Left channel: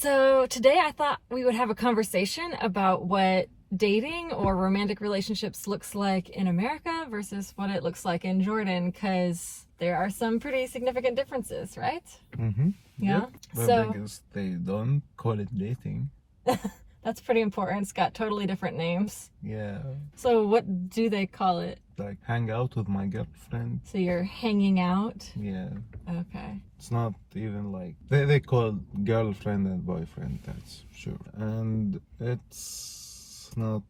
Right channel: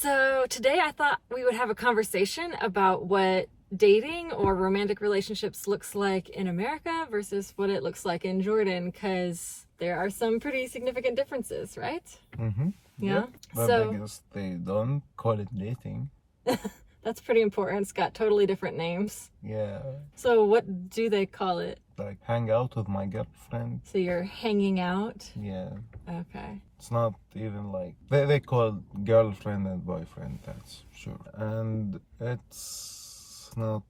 So today I thought we would have a conversation about what dating or romantic relationships looks like in America versus what it looks like in Jordan, because there are some pretty significant differences, right? Mm-hmm. Yeah. Yep. But So I guess they don't call it dating. that's pretty important. It's got totally different names. Yeah. So what do they call it? Like hang out with my girlfriend. So you're hanging out? Yeah. Okay. It's not even like they call girlfriend and boyfriend, that's sure. And it's not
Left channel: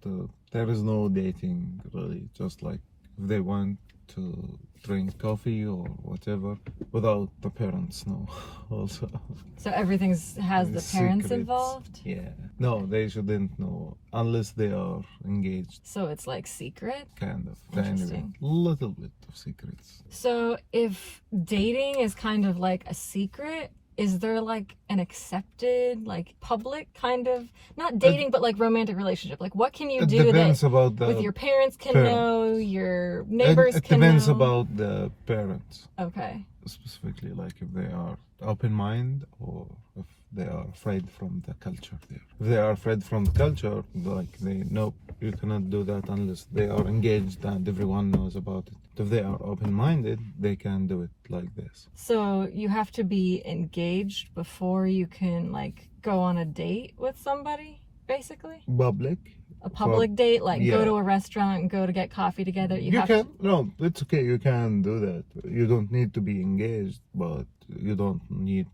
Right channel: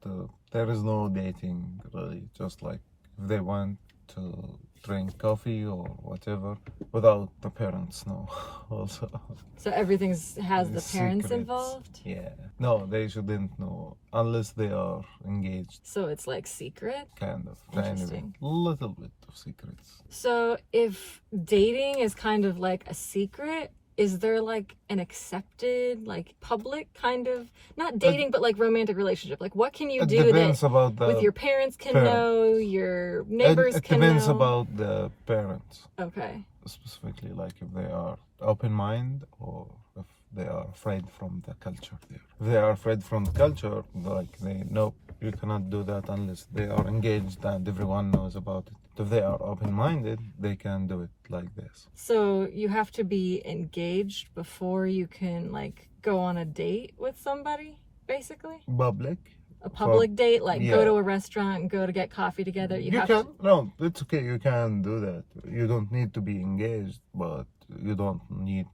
there is no dating really, just like if they want to drink coffee or whatever without the parents know also. So everything has the parents Secrets. involved? Yeah. No, they shouldn't know unless they are engaged, So it's like secret? kind of. Interesting. Little bit of secrets. So if dating is kind of like a secret, is there like an accepted, like public kind of, not dating, but like romantic relationship? Like what can you It do depends that about the with your parents can parent. know, your neighbors it can depends know? about the parents, Okay. specifically, like if they are open mind or if they are afraid from the culture there. If they are afraid from the culture, like they know you cannot do that unless they are engaged and everyone knows about it. If they are open minded, they can do it like this. So you have to be engaged before you can like go on a date with somebody, basically? Public. A public date, like go yeah. to a restaurant and go to get coffee together. You have can, no, it's okay, you can do that. You don't need to be engaged, but you don't need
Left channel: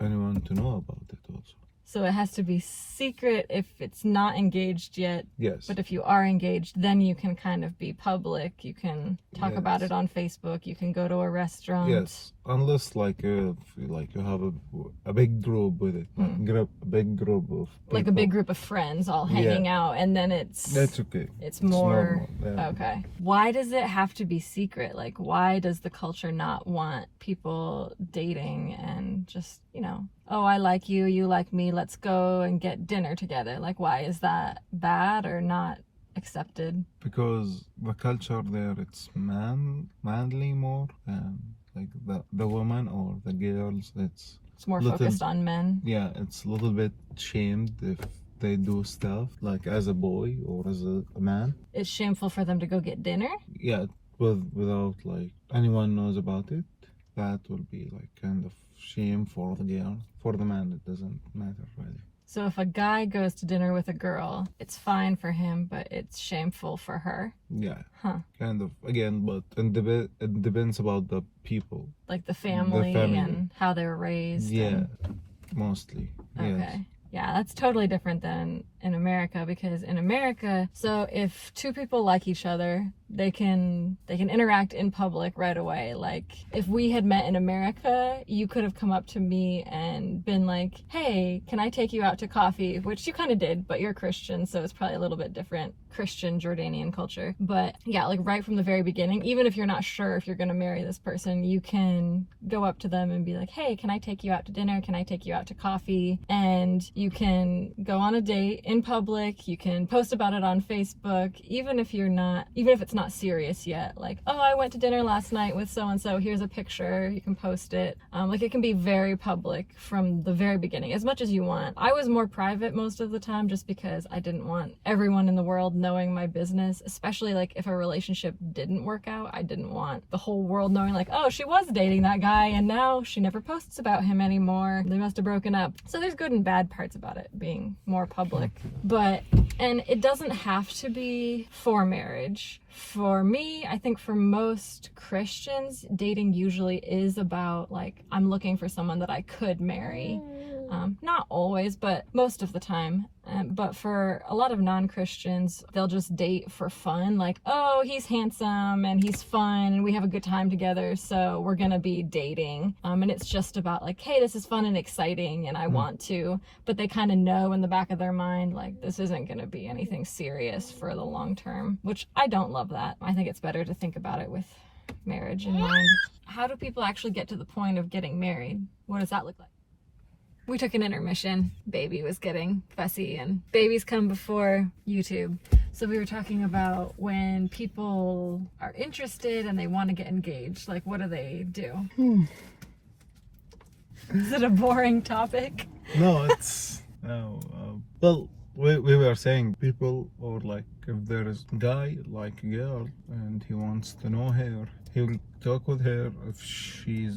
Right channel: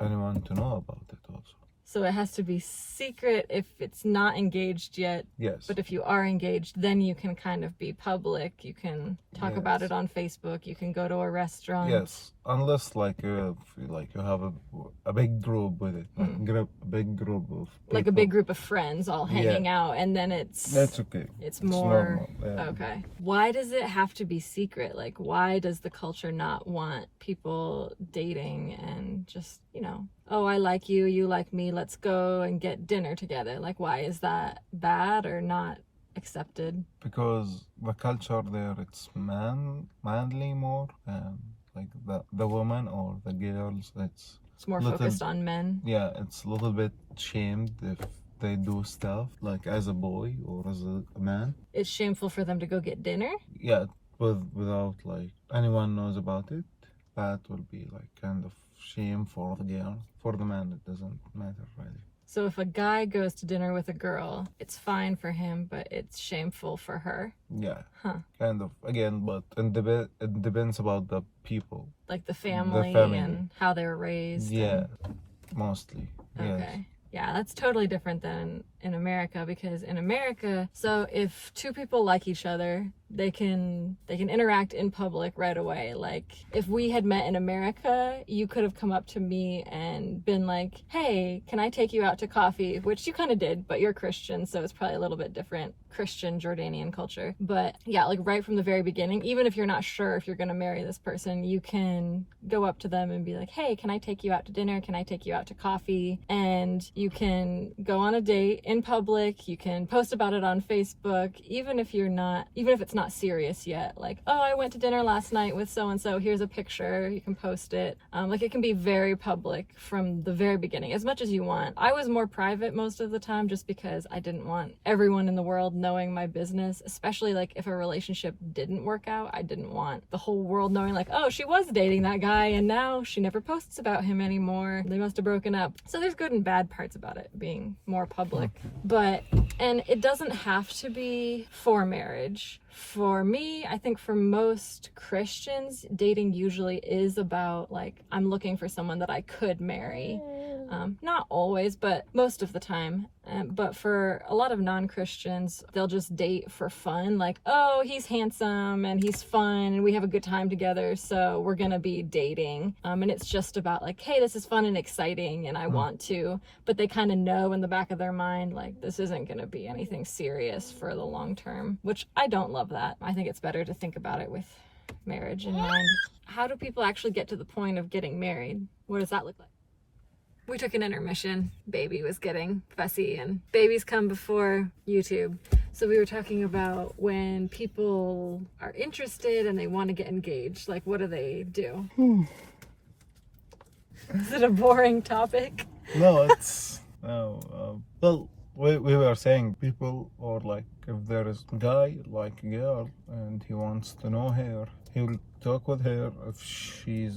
anyone to know about it also. So it has to be secret if it's not engaged yet. Yes. But if you are engaged, then you can kind of be public. You can talk about Yes. it on Facebook. You can go to a restaurant. Yes, unless like you have a big group with it, like a big group of people. Like a big group of friends all hanging out, and then it's okay. it's more normal, yeah. okay. Why does it have to be secret? Like why does the culture not want people dating and just, oh, I like you, you like me, let's go and get dinner together? Like why is that bad or not accepted? Because the culture there, it's manly more, and like the woman or the girls, it's It's more little- focused on men. yeah, it's a little bit shamed if they do stuff like as a boy or as a man. It's shameful for them to go get dinner. Yeah, without like anyone knows about it. That will be like kind of shame for the girl. For the man, it doesn't matter really. So if a guy goes to dinner with a girl, it's fine for him, but it's shameful for her. Yeah, Huh. kind of. Again, but it depends about the people. Like the family, family. and how they were raised. Yeah, and- mostly. Okay. Yes. Yeah, that's totally different than in America, because in America, so if two people like each other, they can interact in public right away. Like if we had met in America, you could have come up to me and been like, "Hey, can I take you out to coffee?" Which you kind of did, but you're Christian, so it's probably a little bit different Christian Jordanian culture. But yeah, like right from the very beginning, even if you're not sure if you're going to marry this person, you can go up to them and be like, "Hey, can I take you out to dinner? Can I take you out to coffee?" And you can go on a date in public. You can post about it on Facebook, even if it's not serious yet. Like, "Oh, I went to dinner last night with so and so. Here's a picture." You can post it. Like it can be very public from the very beginning, as much as you want. I was more private most of the time, just because I didn't want everyone in the world knowing my business, especially like if a relationship didn't work out. I didn't want the whole world knowing like, "Oh, she was dating that guy and now she never posts about him anymore. They must have broken up." So there's good and bad parts about it being more public. And it doesn't have to be for marriage. For me, I think for most Christians, dating usually is about like, I'm looking for someone that I could marry. Not always, but most of the time. But for a lot of non-Christians, they'll just date for fun. Like, "Oh, he's handsome and he's fun and we have a good time together, so we're gonna be dating." And it's just about like, "Hey, this is fun and exciting and I want to." But they kind of know in the back of their mind, like, this isn't gonna be anything serious for the long term, which I don't love that. I think it's better to think about it with marriage in mind. How do people actually get to the point of getting married? What does that look like? We took an intermission. Baby was getting fussy, and babies come before YouTube. So we were talking about when people are interested and they want to get engaged, like what do they do? Is it a boring topic? No, it's Oh, well, we were saying people, or like if there is a guy like a girl and he wants to know her, he'll talk with her. If she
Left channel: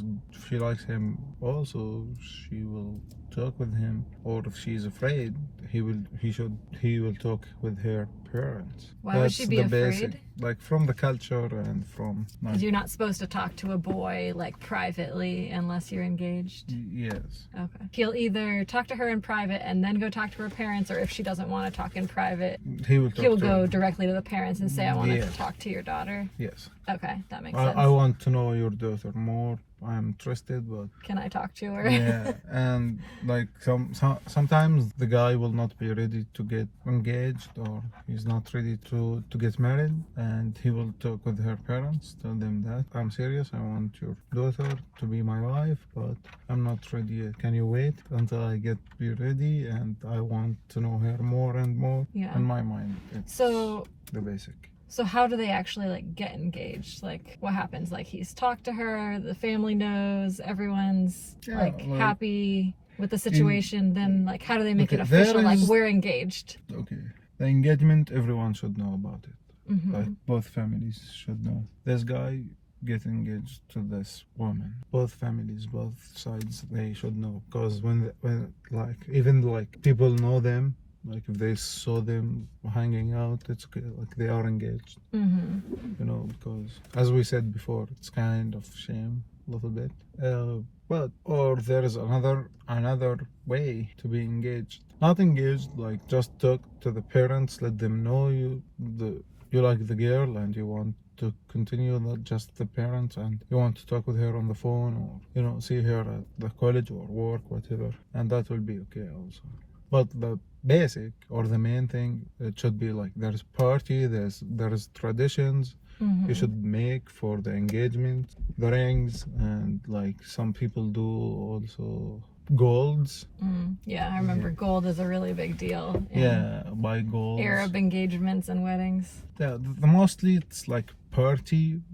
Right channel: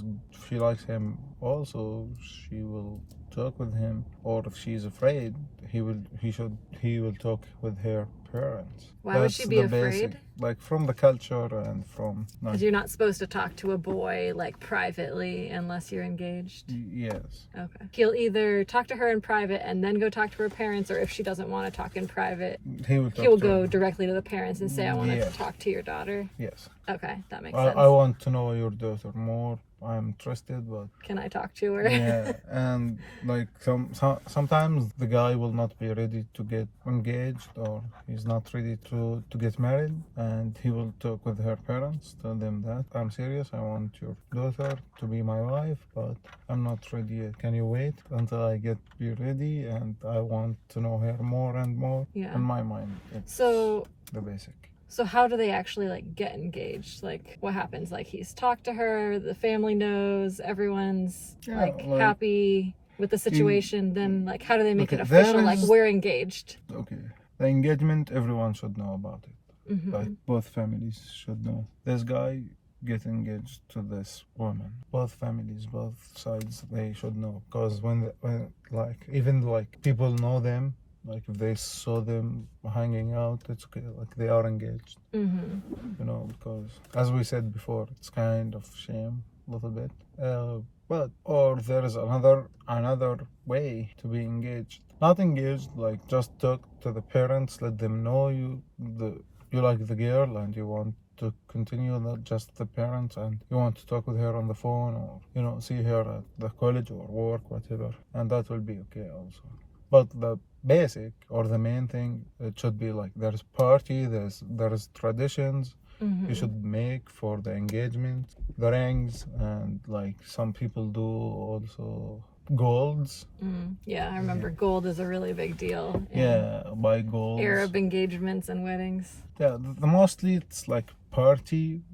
likes him, also she will talk with him. Or if she's afraid, he will talk with her parents. Why would she be the afraid? Like from the culture and from like, Because you're not supposed to talk to a boy like privately unless you're engaged. yes. Okay. He'll either talk to her in private and then go talk to her parents, or if she doesn't want to talk in private, He will he'll to go her. directly to the parents and say, I want Yeah. to talk to your daughter. Yes. Okay, that makes sense. I want to know your daughter more. I'm interested, but Can I talk to her? yeah, and like sometimes the guy will not be ready to get engaged, or he's not ready to get married, and he will talk with her parents, tell them that I'm serious, I want your daughter to be my wife, but I'm not ready yet. Can you wait until I be ready, and I want to know her more and more? Yeah. In my mind, it's So the basic. So how do they actually like get engaged? Like what happens? Like he's talked to her, the family knows, everyone's like happy with the situation. Then like how do they make it official? Like we're engaged. Okay. The engagement, everyone should know about it. Mm-hmm. Like both families should know. This guy get engaged to this woman. Both families, both sides, they should know. Because when like even like people know them. Like if they saw them hanging out, it's okay. Like they are engaged, mm-hmm. you know. Because as we said before, it's kind of shame a little bit. But or there is another way to be engaged. Not engaged, like just talk to the parents, let them know you like the girl and you want to continue, not just the parents, and you want to talk with her on the phone, or see her at the college or work, whatever, and that will be okay also. But the basic or the main thing, it should be like there's party, there's traditions Mm-hmm. you should make for the engagement, the rings, and like some people do also golds. Yeah, I remember gold is a really big deal. Yeah, buy golds. Arab engagements and weddings. Yeah, the mostly it's like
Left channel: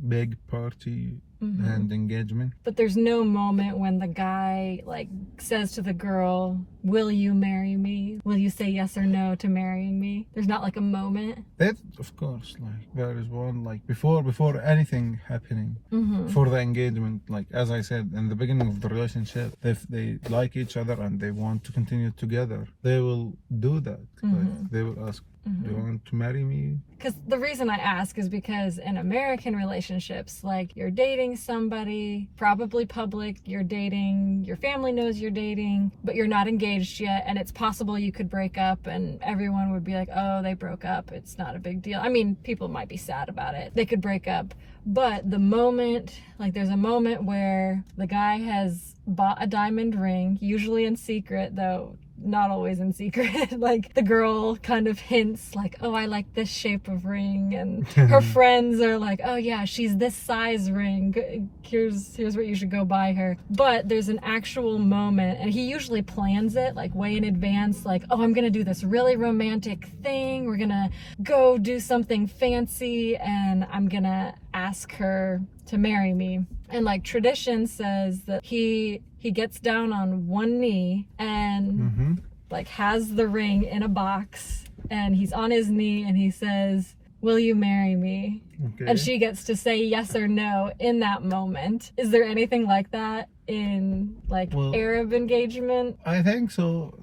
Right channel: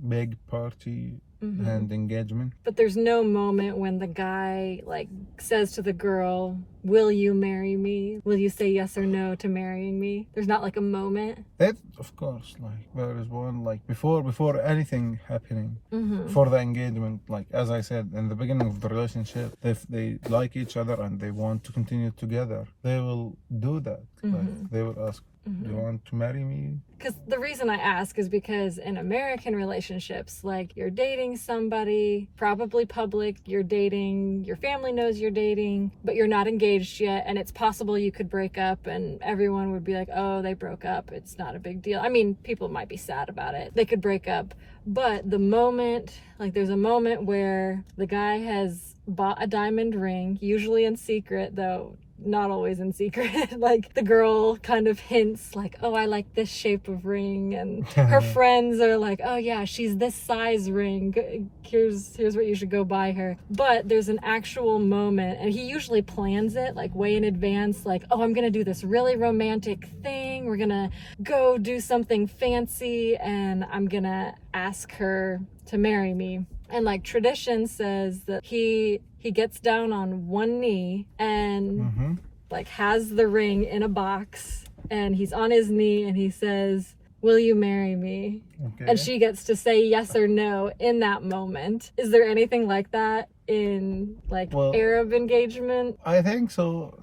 big party. Mm-hmm. And engagement. But there's no moment when the guy like says to the girl, will you marry me? Will you say yes or no to marrying me? There's not like a moment. That of course, like there is one like before anything happening, mm-hmm. for the engagement, like as I said in the beginning of the relationship, if they like each other and they want to continue together, they will do that. Mm-hmm. Like they will ask, mm-hmm. do you want to marry me? Because the reason I ask is because in American relationships, like you're dating somebody, probably public, you're dating, your family knows you're dating, but you're not engaged yet, and it's possible you could break up and everyone would be like, oh, they broke up, it's not a big deal. I mean, people might be sad about it. They could break up, but the moment, like there's a moment where the guy has bought a diamond ring, usually in secret, though not always in secret. Like the girl kind of hints like, oh, I like this shape of ring, and her friends are like, oh yeah, she's this size ring, here's what you should go buy her. But there's an actual moment, and he usually plans it like way in advance, like, oh, I'm gonna do this really romantic thing, we're gonna go do something fancy, and I'm gonna ask her to marry me. And like tradition says that he gets down on one knee and mm-hmm. like has the ring in a box, and he's on his knee and he says, will you marry me? Okay. And she gets to say yes or no in that moment. Is there anything like that in like Arab engagement? I think so.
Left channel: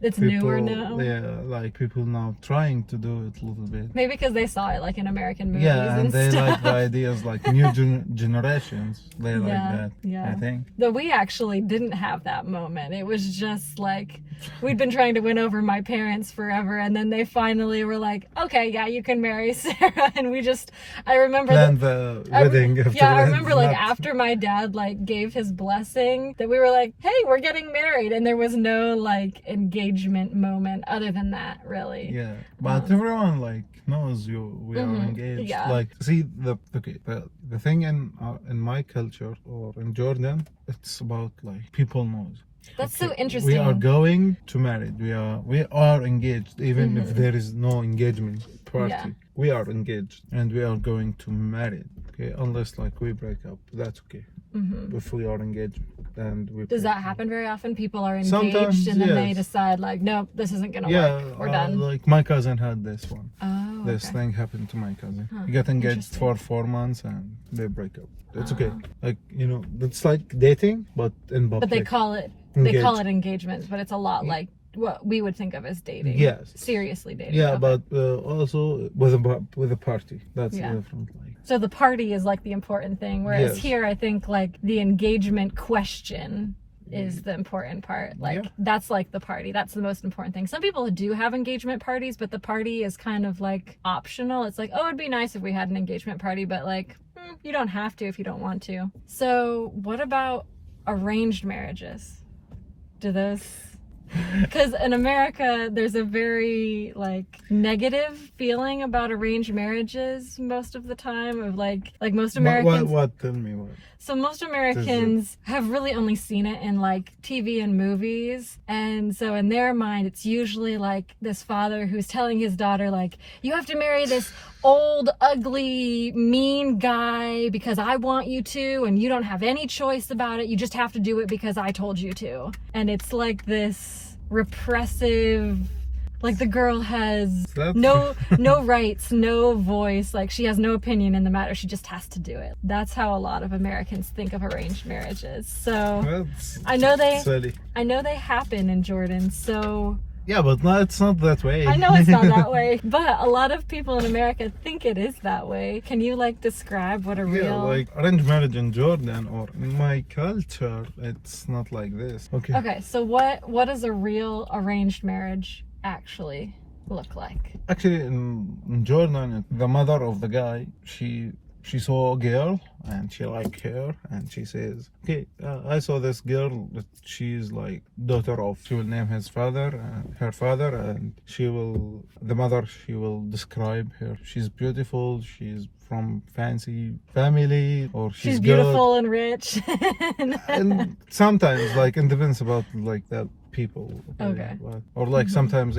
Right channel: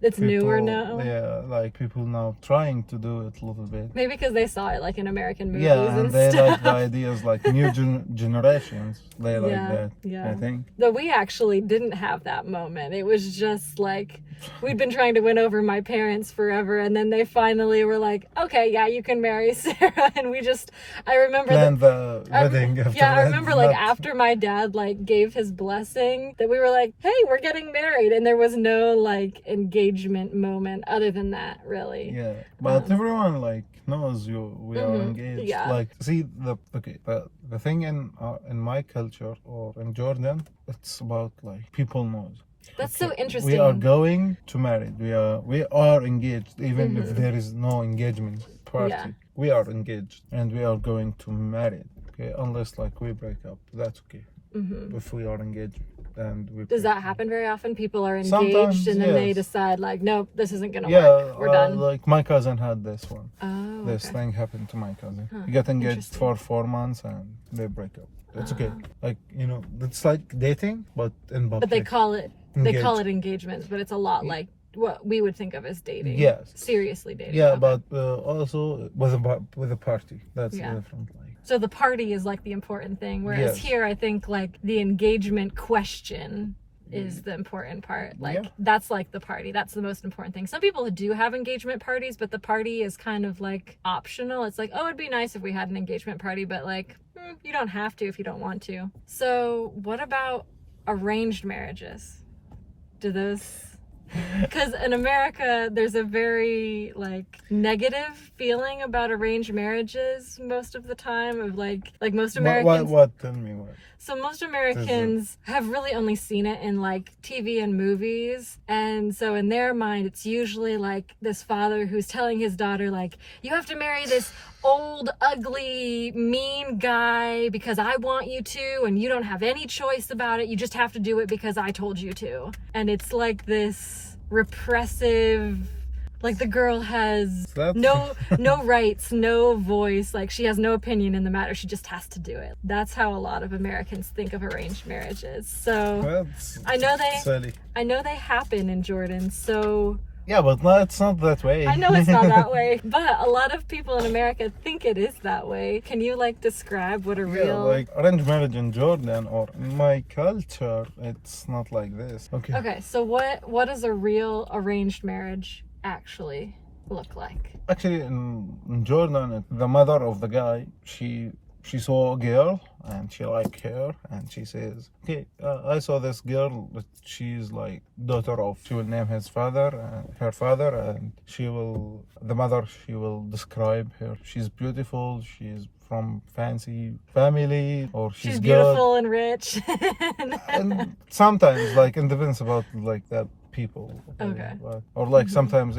It's newer now. Yeah, like people now trying to do it a little bit. Maybe because they saw it like in American movies. Yeah, and they stuff. like the ideas, like new generations. They like that. Yeah. I think. Though we actually didn't have that moment. It was just like we'd been trying to win over my parents forever, and then they finally were like, "Okay, yeah, you can marry Sarah." And I remember the wedding. I remember like after my dad like gave his blessing, that we were like, "Hey, we're getting married," and there was no like engagement moment other than that, really. Yeah, but everyone like knows we are engaged. Yeah. Like, see the thing in my culture or in Jordan, it's about like people knows. That's so interesting. We are going to marry. We are engaged, even if there is no engagement party. Yeah. We are engaged and we are going to marry. Okay, unless like we break up, that's okay. if we are engaged. And we Does that happen very often? People are engaged Sometimes, and then they yes. decide like, nope, this isn't gonna Yeah, work. We're done. like my cousin had this one. Oh, This okay. thing happened to my cousin. Huh, He got engaged interesting. for 4 months and they break up. It's okay. Oh. Like, you know, it's like dating, but in public. But they call it engagements, but it's a lot like what we would think of as dating. Yes. Seriously dating. Yeah, Okay. but also with a party. That's Yeah. different. Like, So the party is like the important thing, whereas Yes. here I think like the engagement question is the important part. Like Yeah. that's like the party. That's the most important thing. Some people do have engagement parties, but the party is kind of like optional. It's like, oh, it'd be nice if we had an engagement party, but like you don't have to if you don't want to. So what about arranged marriages? Do those... Because in America, there's a very like negative feeling about arranged marriages most of the time. Of like most Americans. what? Tell me what. So most Americans have really only seen it in like TV and movies, and so in their mind, it's usually like this father who's telling his daughter like, you have to marry this old, ugly, mean guy because I want you to, and you don't have any choice about it. You just have to do it because I told you to. And it's like this repressive, like the girl has no rights, no voice, like she has no opinion in the matter. She just has to do it. That's how a lot of Americans think of arranged marriages. So That's I know silly. they happen in Jordan. So Yeah, but no, it's not that way. I know it's not that way, but a lot of people in America think it is that way. Can you like describe what a Yeah, real... like arranged marriage in Jordan or in my culture, it's not like this. Okay. Okay, so what does a real arranged marriage actually look like? Actually, in Jordan, the mother of the guy, she saw a girl and she liked her and she says, okay, I saw this girl, but she's like daughter of, she will name her father, and she will describe her. She's beautiful, she's from fancy family, or she's beautiful and rich. and sometimes like it depends about like the people. Okay. Or like sometimes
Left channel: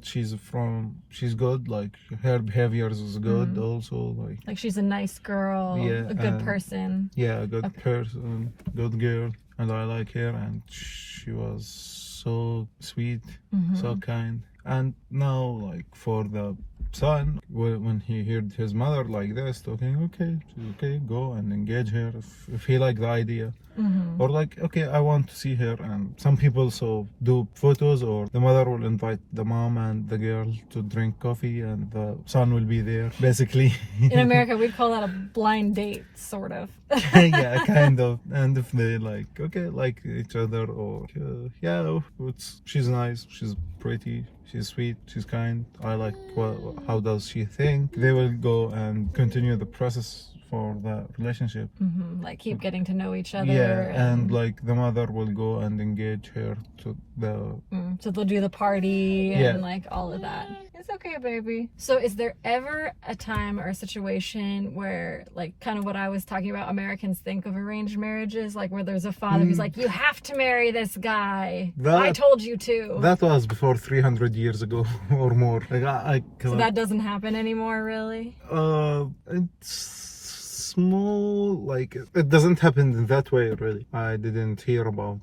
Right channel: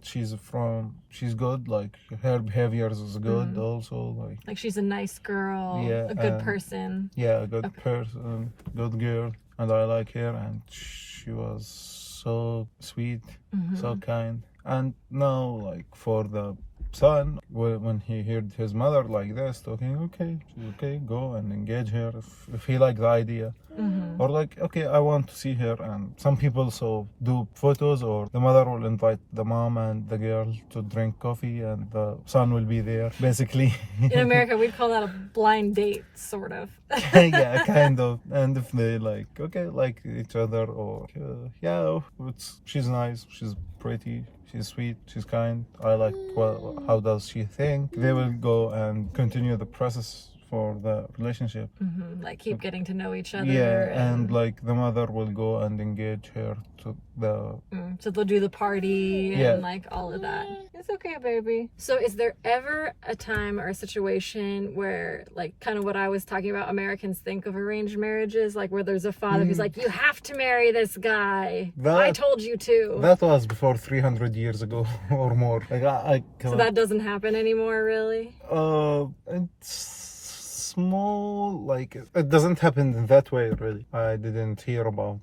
she's good, like her behaviors is good also, Like she's a nice girl, Yeah, a good and- person. a good person, good girl, and I like her, and she was so sweet, so kind. And now like for the son, when he heard his mother like this talking, okay, go and engage her if he like the idea. Or like, okay, I want to see her. And some people so do photos, or the mother will invite the mom and the girl to drink coffee and the son will be there basically. In America, we'd call that a blind date, sort of. Yeah, kind of. And if they like each other, or she's nice, she's pretty, she's sweet, she's kind, I like how does she think, they will go and continue the process for the relationship. Like keep getting to know each other. Yeah, and like the mother will go and engage her to the So they'll do the party Yeah. and like all of that. It's okay, baby. So is there ever a time or a situation where like kind of what I was talking about, Americans think of arranged marriages, like where there's a father who's like, you have to marry this guy. I told you to. that was before 300 years ago or more. Like So that doesn't happen anymore, really? it's small, like it doesn't happen in that way really. I didn't hear about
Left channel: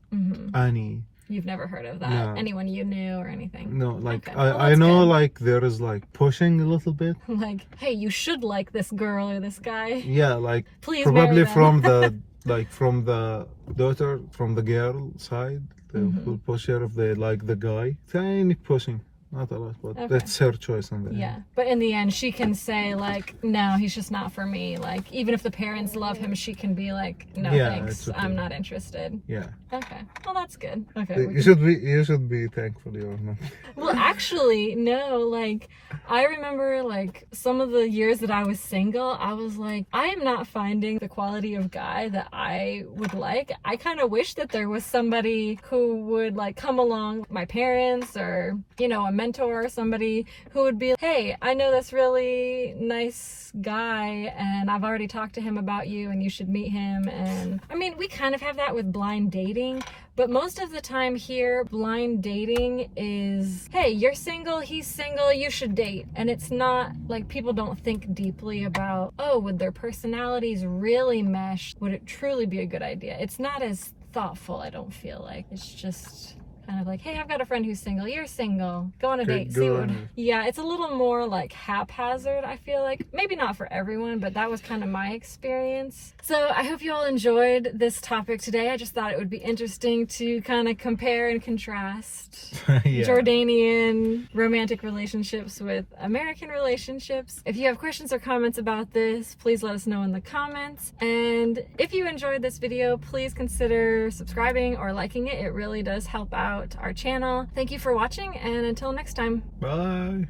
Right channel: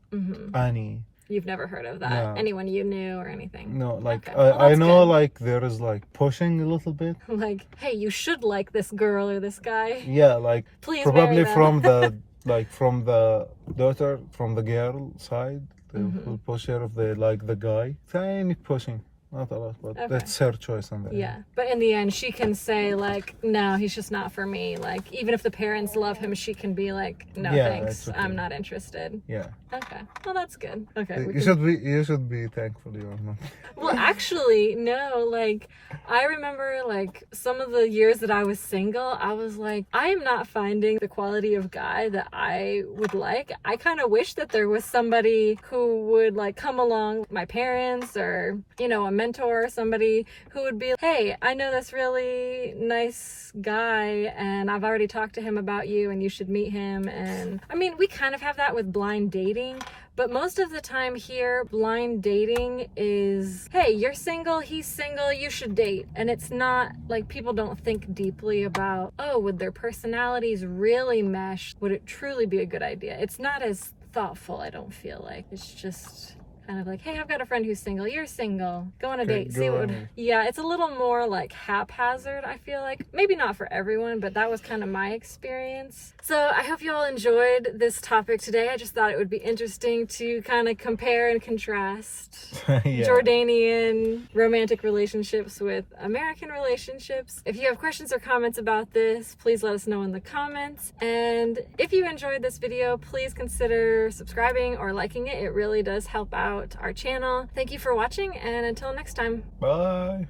any. You've never heard of that? No. Anyone you knew or anything? No, like Okay, well, I that's know good. like there is like pushing a little bit. Like, hey, you should like this girl or this guy. Yeah, like Please probably marry them. from the from the daughter, from the girl side, they will push her if they like the guy. Tiny pushing, not a lot, but Okay. that's her choice on the Yeah, but in the end, she can say like, no, he's just not for me. Like, even if the parents love him, she can be like, no, Yeah, thanks, it's okay. I'm not interested. Yeah, Okay, well that's good. Okay. we you can- should be thankful you're not. Well, actually, no. Like, I remember like some of the years that I was single, I was like, I am not finding the quality of guy that I would like. I kind of wish that there was somebody who would like come along, my parents or, you know, a mentor or somebody who would be, hey, I know this really nice guy and I've already talked to him about you and you should meet him. And I mean, we kind of have that with blind dating, but most of the time here, blind dating is, hey, you're single, he's single, you should date. And it's not like people don't think deeply about, oh, would their personalities really mesh? Would it truly be a good idea? It's not as thoughtful, I don't feel like. It's just kind of like, hey, I've got a friend who's single, you're single, go on a Okay, date, see go what on would... it. Yeah, it's a little more like haphazard, I feel like. Maybe not for everyone, but that was kind of my experience. So I hope you all enjoyed this topic today. I just thought it would be interesting to kind of compare and contrast Yeah. Jordanian romantic relationships with American relationships. If you have questions or comments about this, please let us know in the comments. And if you enjoyed this video, please consider subscribing or liking it. It really does help out our channel. Thank you for watching, and until next time. Bye.